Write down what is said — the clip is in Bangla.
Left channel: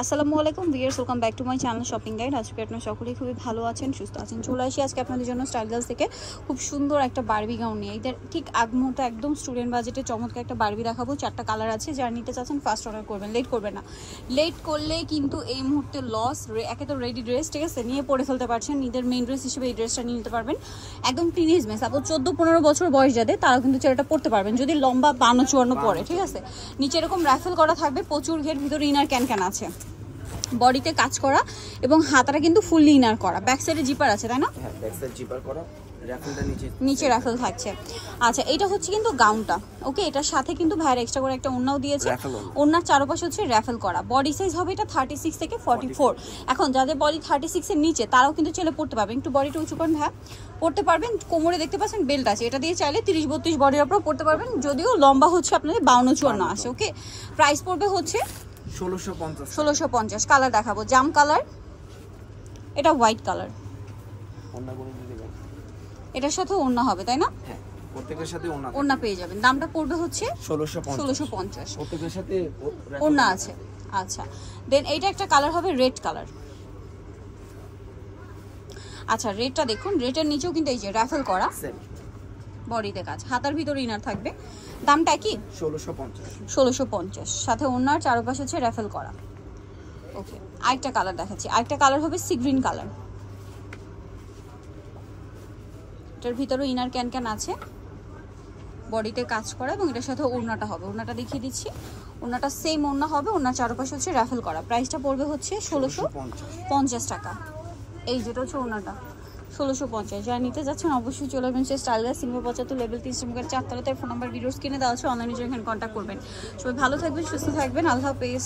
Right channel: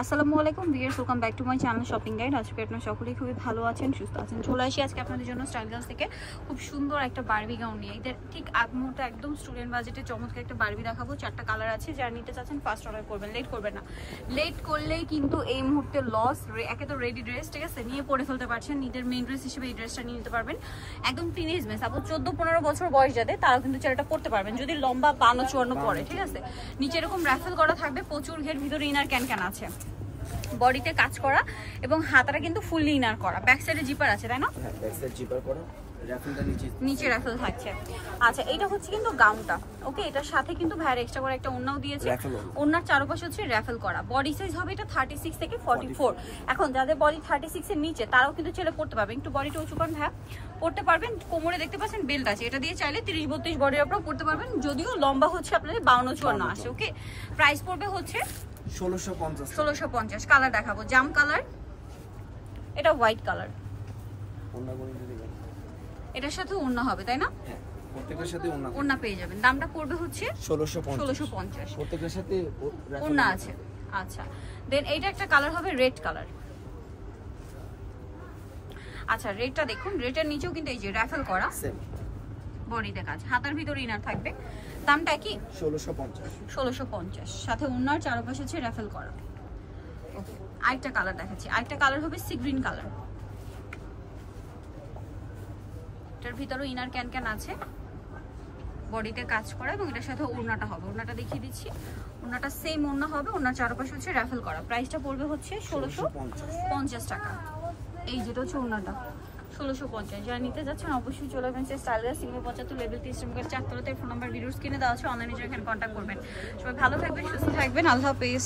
আসসালামু আলাইকুম viewers, welcome back to my channel shopping guide. আজকে আপনারা সকলেই খুবই ভালো আছেন, সুস্থ আছেন। চলে আসি আজকে আপনাদের জন্য স্টাইল গার্লস থেকে খুব সুন্দর একটা বারবি গাউন নিয়ে। এদের ঠিক আগমুহূর্তে একদম স্টুডেন্ট বাজেটে চমৎকার একটা বারবি দেখাবো। 4টা কালার আছে, যারা নিতে চাচ্ছেন ফার্স্ট অর্ডার করবেন, লেট করবেন না। লেট করলে কিন্তু এই মুহূর্তে লস। একে তো রেডি ড্রেস, ঠিক আছে, নিয়ে পরে ফেলতে পারছেন। নিজের মেইন ড্রেস হিসেবে এই ড্রেসটা নিয়ে নিতে পারবেন। একদম টিনেজ মেয়ে, সাপোজ 14-15 বছর বয়স যাদের, তারা কিন্তু ছেলেটা পড়তে পারবেন যদি লম্বা 52-54 পরে, ঠিক আছে। নিচে এরকম রাফেল করা থাকবে, প্রচুর ঘের, ভিতরে ইনার ক্যান আছে, বডিতে কাজ করা এবং হাতাটা কিন্তু ফুললি ইনার করা। ব্যাক সাইডে জিপার আছে, তাই না? হ্যাঁ, ব্যাক সাইড জিপার করা, রাফেলটা নিচে রাফেল থাকছে। আচ্ছা, এটা হচ্ছে কিন্তু গাউনটা, ওকে। এটার সাথে কিন্তু ভাইয়ের এক্সট্রা করে একটা ওড়নাও দিয়েছে। ওড়নার চারপাশে হচ্ছে রাফেল করা। বডি সাইজ হবে এটা 36 থেকে 44। এখন যাদের বডি 36 এর নিচে, তারাও কিন্তু ছেলে পড়তে পারবেন। একটু বডিটা উঁচু করেন, হ্যাঁ পড়তে পারবেন। কোমরে দেখতে পাচ্ছেন বেল্ট আছে, এটা দিয়ে চাইলে 30-32 বডি আপনারা পড়তে পারবেন। যদিও লম্বা হচ্ছে আপনাদের 52-54 আসে, ওকে। প্রাইস পড়বে হচ্ছে 1650। কালার দেখাবো, জাম কালার, এটা হোয়াইট কালার। এটার সাথে ওড়না হবে, তাই না? হ্যাঁ, প্রত্যেকটার সাথে ওড়না পেয়ে যাবেন। দামটা পড়বে হচ্ছে 1650। প্রত্যেকটার সাথে ওড়না আছে। আচ্ছা, দেন এইটা একটা কালার হবে রেড কালার। আচ্ছা, রেডটা দেখুন, রেডের নিচেও কিন্তু এই যে রাফেল করা, বডিতে কাজ, হাতার ভিতরে ইনার থাকবে। দামটা কি? 1650। সাথে ওড়নার চারপাশে হচ্ছে রাফেল করা, ওকে। আরেকটা কালার দেখাচ্ছি, আরেকটা কালার হবে সি গ্রিন কালার। এটার ভিতরেও ইনার ক্যান আছে, বডিতে কাজ করা, এবং এটার সাথে ওড়নাটা হবে। ওড়নাটা দেখিয়ে দিচ্ছি, ওড়নাটা সেম ওড়না হবে, ওড়নার চারপাশে হচ্ছে রাফেল করা। প্রাইসটা পড়বে হচ্ছে 1650 টাকা। এই যেটা হচ্ছে ওড়নাটা 1650। যারা নিতে যাচ্ছেন অবশ্যই চলে আসবেন স্টাইল গার্লস, সিঙ্গল 75 লেভেল 30 4তলাতে। ফোন নাম্বার ভিডিওস কিনে দেওয়া আছে, অনলাইনে জন্য কন্ট্যাক্ট করবেন। সবাই ভালো থাকবেন, সুস্থ থাকবেন, আল্লাহ হাফেজ।